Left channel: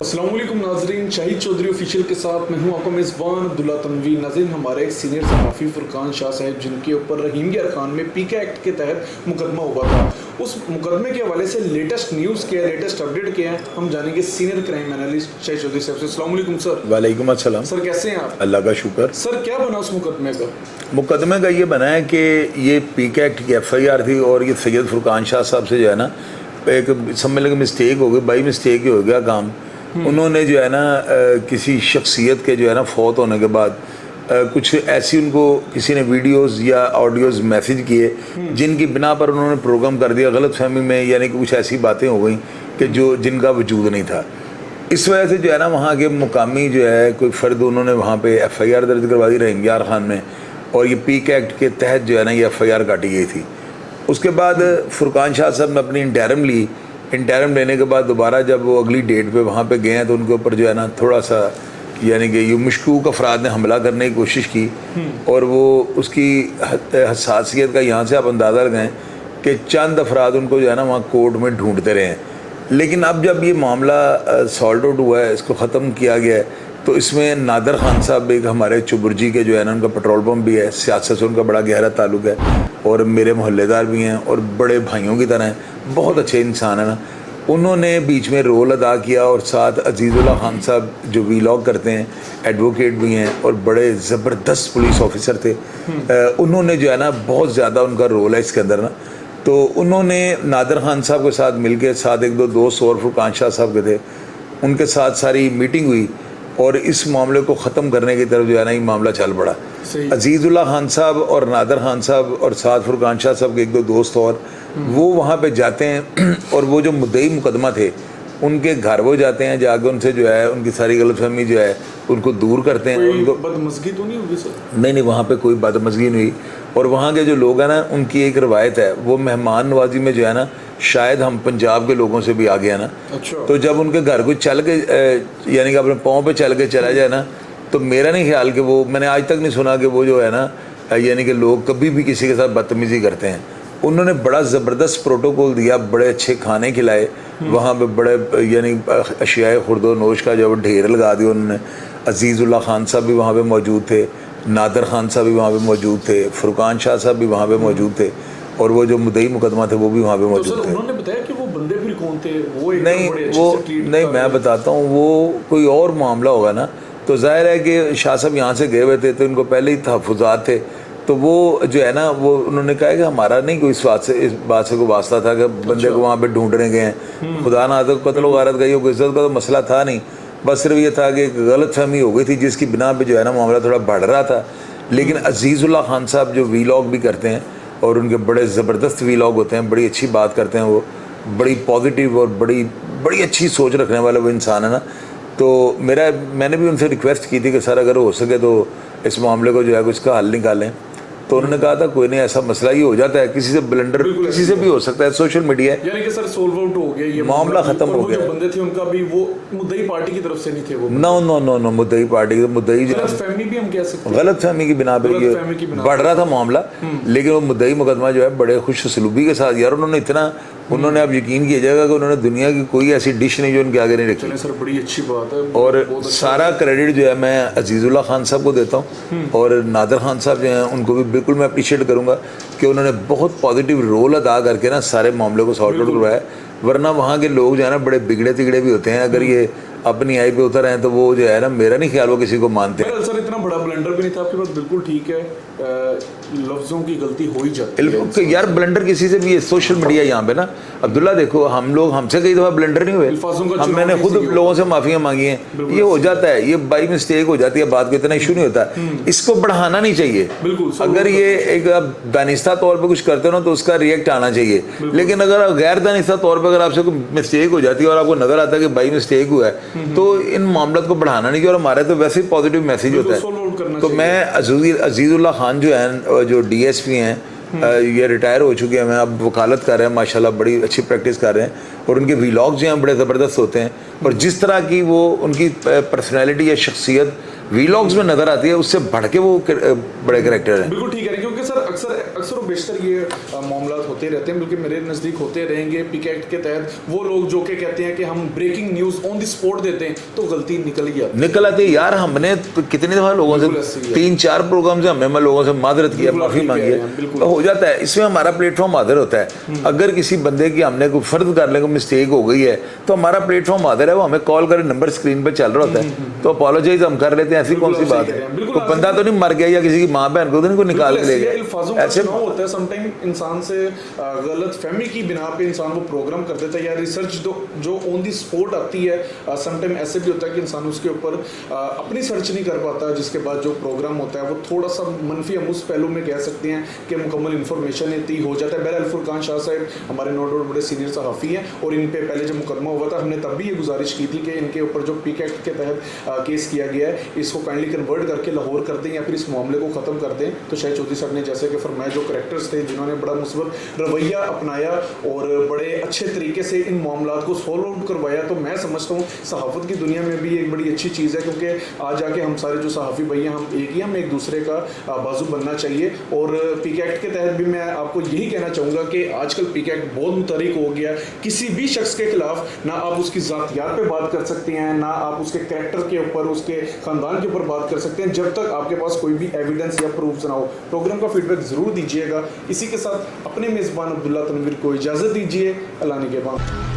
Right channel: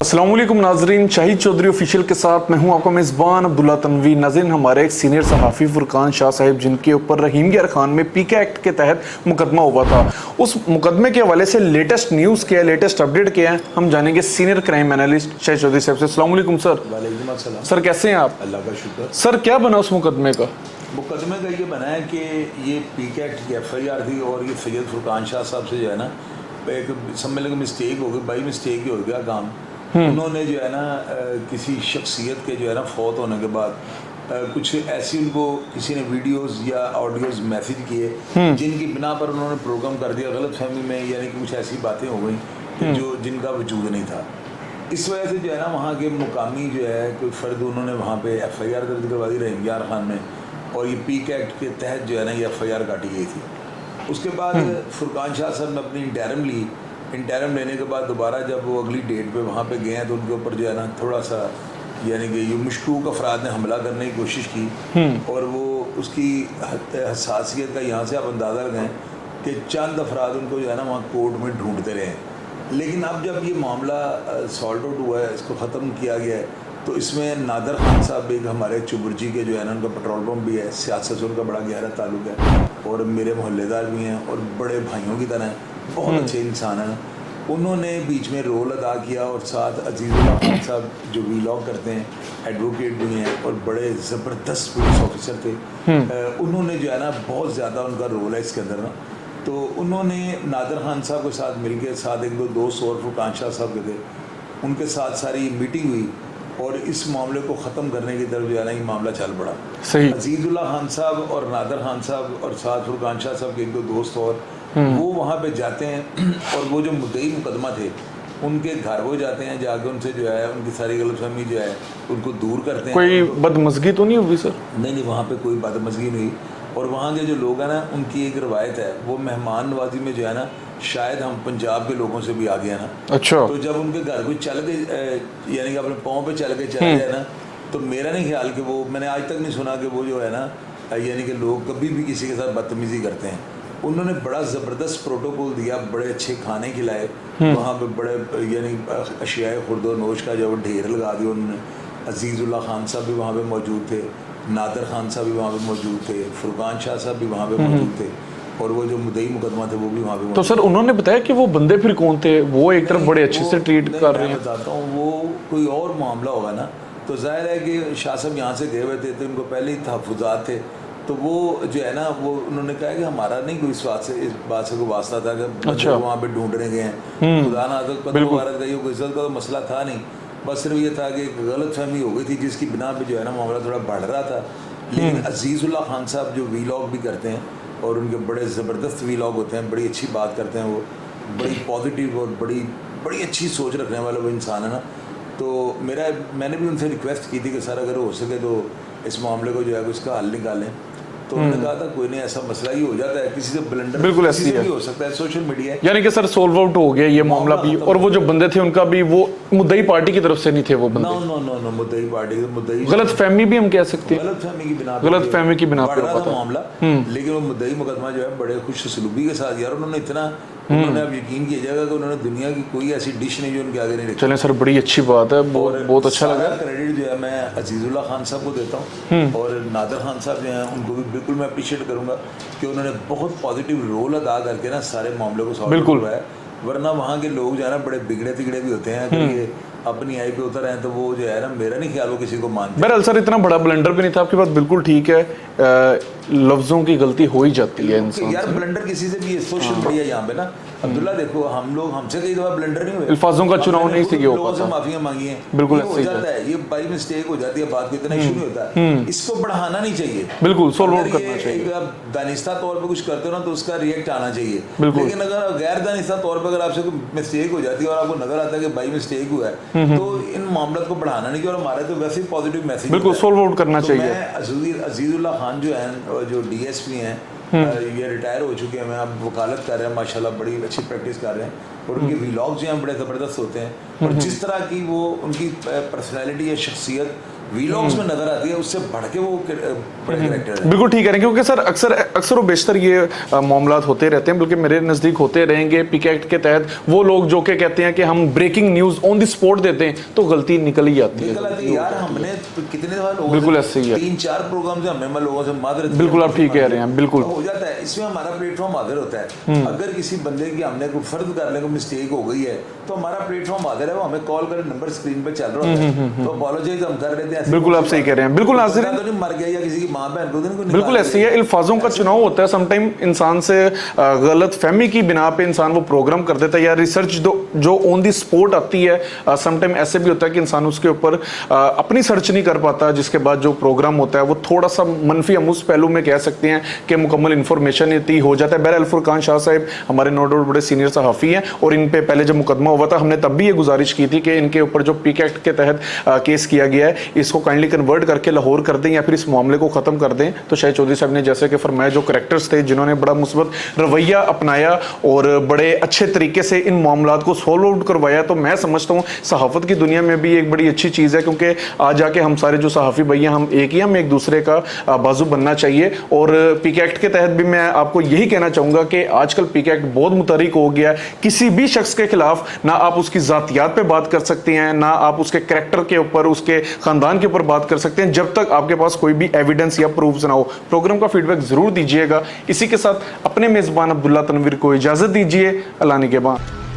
अस्सलामुअलैकुम नाजरीन, शाहिद चौधरी ऑफिशियल के साथ मैं हूं आपका मेज़बान अब्दुल्ला तनवी। नाज़रीन, हमारे एक सीनियर सहाफ़ी फुरकान शाह साहब, जिनके ऊपर रहीम यार खान में पीके एक्ट के तहत मुकदमा हुआ था, उस मुकदमे के हवाले से लेटेस्ट न्यूज़ क्या है, लेटेस्ट अपडेट क्या है, हम जानेंगे senior crime analyst Shahid Chaudhary साहब से। अस्सलामुअलैकुम सर। वालेकुम अस्सलाम सर, कैसे हैं आप? अल्लाह का शुक्र। सर, क्या बना उस मुकदमे का? मुकदमे का ये बना है कि ये पीके एक्ट की FIR थी और ये सैयद फुरकान शाह साहब से जो है ना एक समझ लगे मिस्टेक हो गई, बाई मिस्टेक ही हो गया काम। उन्होंने जो है ना किसी शख्सियत के जो है ना फौत होने के बाद कुछ ऐसी उनको किसी ने वीडियोस या ऑडियोज मैसेज किए जिनकी बिना पर उन्होंने प्रोग्राम कर दिया गलत फहमी में, यानी कि कुछ ऐसी बातें हो गई कि जो जिनका वजूद नहीं था। इस वजह से जो है ना वहाँ के मुकामी जो है कोई फ़र्द, उन्होंने वहाँ पे FIR दर्ज करवा दी रहीम यार खान में, और ये पीके एक्ट के तहत जो है ना ये FIR काटी गई थी। उसके बाद फुरकान शाह साहब ने अपनी इंटरम ली। इंटरम लेने के बाद दोबारा जब वो अगली डेट पे वहाँ पे गए हैं तो उनके ऊपर जो है ना थोड़ा सा यानी कि ये मशकूक अफराद ने हमला करने की कोशिश की, और वो उसकी हसासियत का यहाँ से आप अंदाज़ा लगाएं कि चंद अफराद उनको जो है ना वहाँ कोर्ट में ढूंढते रहे हैं। लेकिन अब जब ये मामला सॉल्ट आउट हुआ है, इसको ख़त्म किया गया है, तो इसमें नादर खान साहब एक हमारे चुबुर्जी के जो है ना उनका पेट्रोल पंप भी है, सियासत से उनका बड़ा गहरा ताल्लुक है और मेरे मोहल्लेदार भी हैं और बड़े भाइयों की तरह हैं, बहुत अच्छे इंसान है ना। उन्होंने बीच में रोल अदा किया, और साथ अजीज़ुल्लाह खान साहब जो वीलॉग करते हैं, एडवोकेट भी हैं और बड़े ज़बरदस्त पुलिस ऑफिसर थे। उन्होंने जो है ना बहुत ज़्यादा उनका रोल है इसके अंदर ना। तो उन्होंने नादर खान साहब के साथ मिलकर, साथ एक दो दोस्त और फुरकान शाह साहब के थे, उनके साथ सारी मीटिंग हुई और इस मामले को ख़त्म करने की तरफ जो है ना ये मामला चल पड़ा। अजीज़ुल्लाह खान साहब और नादर खान साहब और साथ फुरकान शाह साहब के एक दो दोस्त और वो वहाँ पे जाते हैं और वो जो मुद्दई मुकदमा थे उनके घर वो जाते हैं, जाकर उनसे जो है उनकी सारी गलतफहमी जो है उनको दूर करते हैं। कोई बदमज़गी तो नहीं होगी सर? नहीं, वहाँ पे कोई बदमज़गी नहीं हुई। और वहाँ के जो लोग हैं ना, उनकी एक रवायत है, वो मेहमान नवाजी में जो है ना शायद हम पंजाब के लोगों से भी आगे हैं ना। अच्छा। तो जब उनके घर को चल के यानी कि अपने पाँव पे चल के चला जाए ना, तो मेरा नहीं ख्याल कि वो, मैंने आज तक नहीं सुना कि वो जो है ना यानी कि लोग कभी भी किसी के साथ बदतमीज़ी करते हैं। उन्होंने बड़ा ज़बरदस्त प्रोटोकॉल दिया, बड़े अच्छे खाने खिलाए, वहाँ पे बड़े यानी अशियाए खुर्दो नोश का जो ढेर लगा दिया उन्होंने। अजीज़ुल्लाह खान साहब भी वहाँ पे मौजूद थे, नादर खान साहब भी वहाँ पे मौजूद थे, फुरकान शाह साहब भी वहाँ पे मौजूद थे, और वो जो मुद्दई मुकदमा थे वो भी वहाँ पे मौजूद थे। तो सर उन्होंने बताया कि वो बंदे फिर कौन थे? वो एक तरफ बड़े अच्छे से ट्रीट नहीं, मैं बताता हूँ, वो कोई और मामला होगा ना। तो जाहिर है कि शाह साहब यहाँ से गए हुए थे तो उनको पहले ही तहफ़्फ़ुज़ात थे, तो वो जो है ना वो उन्होंने कहा कि हमारा नहीं कोई इस बात से कोई वास्ता था कि बंदे को वहाँ पे ढूंढने गए हैं, खुदा ना तो कत्ल वारत गई हो, इज्जत का तो मसला था नहीं, बस सिर्फ ये था कि एक गलत फहमी हो गई थी जिसकी बिना पे जो है ना मामला थोड़ा बढ़ रहा था। लेकिन अजीज़ुल्लाह खान साहब जो वीलॉग भी करते हैं और उनके बड़े ज़बरदस्त वीलॉग होते हैं, बड़ी अच्छी बात करते हैं, वो बड़ी पॉजिटिव और बड़ी अच्छी सोच रखने वाला वो इंसान है ना। तो मैंने भी उनसे रिक्वेस्ट की थी कि सर अगर हो सके तो इस मामले को जो है कुछ का हल निकालें। तो उन्होंने कहा था कोई नहीं, ऐसा मसला ही हो जाता है, किसी से ब्लंडर किसी से भी हो सकता है, सोशल मीडिया है। यानी कि सर सोल्व आउट हो गया ये मामला खत्म। और वो जो बंदे थे उनका भी वो मुद्दई पार्टी की तरफ से नहीं थे वो बंदे। नो मुद्दई पार्टी, मुद्दई गलत फहमी भी हम कह सकते हैं, गलत फहमी की बिना पे बढ़ रहा था मामला। लेकिन वो मुद्दई मुकदमा जो है बड़े खुश सलूबी के साथ, यार उन्होंने अब यकीन किया जाएगा कि उन्होंने दुनिया की कोई ऐसी डिश नहीं जो उनके आगे नहीं रखी। चलें सर, बड़ी अच्छी बात है। और बहुत अच्छा सारा क्रेडिट जो है मैं अजीज़ुल्लाह खान साहब को देता हूँ, और नादर खान साहब जो हैं उनको भी बिल्कुल मैं अप्रिशिएट करूँगा कि उन्होंने बहुत पॉजिटिव रोल अदा करके ना सारे मामले को सॉल्व करवाया। वरना वहाँ के लोग जो है ना बड़े बिगड़े तिगड़े भी होते हैं, अगर ये अपनी आई पे उतर हैं तो वो जो है ना, मेरा नहीं ख्याल वो किसी को मानते। बहरहाल सर इतना बड़ा ब्लंडर भी नहीं था, आपकी बात बिल्कुल ठीक है, लफ्जों की गलती हो ही जाती है यार, ब्लंडर किसी से भी है, सोशल मीडिया यहाँ पे ना अब्दुल्ला देखो, हम लोग हमसे कई दफा ब्लंडर नहीं हुए, अल्फाजों का चुनाव मैंने खुद लोगों से माफियां मांगी हैं, ये हो जाता है, ये बाई मिस्टेक हो जाती है, बात को इतना इशू नहीं होता, इसको बढ़ाना नहीं चाहिए। बिल्कुल, अगर ये एक दानिस्ता तौर पे कुछ करते हो ना तो उसका रिएक्ट आना चाहिए, लेकिन अगर गैर दानिस्ता तौर पर अगर आपसे कोई मिस्टेक हो जाती है और आपको नजर आता है कि बाई मिस्टेक हुआ है, तो इन मामलों को बढ़ाना नहीं चाहिए। और हमारे तो वैसे ही पॉजिटिव मैसेज सोल्व आउट करना चाहिए। मैं अजीज़ुल्लाह खान जो है, जो DSP हैं, ये रिटायर हो चुके हैं, अब वकालत कर रहे हैं, माशाल्लाह बड़ी अच्छी प्रैक्टिस कर रहे हैं और उनके व्लॉग्स जो हैं बड़े ज़बरदस्त होते हैं और जिस तरह की वो उनकी पर्सनैलिटी या शख्सियत व्लॉग्स में नजर आती है उससे बढ़ के वो बड़े कैरेक्टर हैं। बिल्कुल ठीक कह रहे हैं, क्योंकि सर अक्सर और बेशतर ये मामलात होते रहते हैं, बल्कि मेरे नज़दीक होते रहेंगे। पीके एक्ट के तहत वो लोग जो के कहते हैं कि हम breaking news on the spot देते हैं तो गलती निकल ही आती है। यार हमने कितने दफा लोगों से 3-4 प्रोग्राम से हमने लोगों से मादरत की, बिल्कुल आप ठीक कह रहे हैं, बिल्कुल हो जाता है। इसमें हमारा प्लेटफॉर्म हाजिर होता है। अगर किसी बंदे की हमने कोई फर्ज करने को मिस्टेक हो गई है तो हमारा प्लेटफॉर्म हाजिर है, वो हमें कॉल करे, नंबर स्क्रीन पे चल रहा होता है, तो अपोलोजाइज हम कर लेते हैं। बिल्कुल आप सही कह रहे हैं, बिल्कुल बंदा तो नहीं मर गया या किसी की माँ बहन को तो नहीं निकाल बिल्कुल ऐसी है। अल्फाजों का चुनाव होता है, समटाइम इंसान से गलत फहमी की बिना पे इंसान वो प्रोग्राम कर देता है या रिसर्च जो ऑन दी स्पॉट आती है। समटाइम ऐसे भी होता है कि इंसान उसके ऊपर अपनी सर्च नहीं कर पाता, जिसके बाद जो प्रोग्राम होता है वो थोड़ा सा मनफी हम उस पहलू में कह सकते हैं कि मुकम्मल इंफॉर्मेशन इतनी हो जाता है। बहरहाल फुरकान शाह साहब हमारे नो डाउट बड़े सीनियर सहाफ़ी हैं और इन पे पहले जब मुकदमा हुआ था हमने तब भी ये गुजारिश की थी कि इनके ऊपर जो पीके एक्ट के तहत केस किया गया है इसको काइंडली कन्वर्ट करके लाहौर कर दें या फिर इस मामले को ख़त्म कर दें। तो शाहिद चौधरी साहब ने जैसे कि फरमाया, जो करेक्टर्स थे जिन्होंने बड़ा मुस्बत रवैया अपनाया और बड़े अच्छे तरीके से इन मामलात को सॉल्व आउट करवाया, तो मैं समझता हूँ सहाफ़त की दुनिया में भी एक बड़ी अच्छी चीज़ है, क्योंकि आज जाके हम सारे जो सहाफ़ी भैया हम एक ही, हम एक दूसरे का बाजू बनना चाहिए। और पीके एक्ट के तहत भी मैं आपको यही कहना चाहूँगा कि आजकल पीके एक्ट बहुत मुतहरिक हो गया है। किसी भी शख्स के खिलाफ ना आप उसकी ज़ातियात पे बात कर सकते हैं, ना आप उसके कैरेक्टर के ऊपर, उसके ख़ानदान के ऊपर बात कर सकते हैं, जब तक आपके पास कोई भी एविडेंस या प्रूफ ना हो। प्रोग्राम का फीडबैक ज़रूर दीजिएगा। इसी के साथ अपने मेज़बान अब्दुल्ला तनवीर को इजाज़त दीजिए। अल्लाह निगहबान।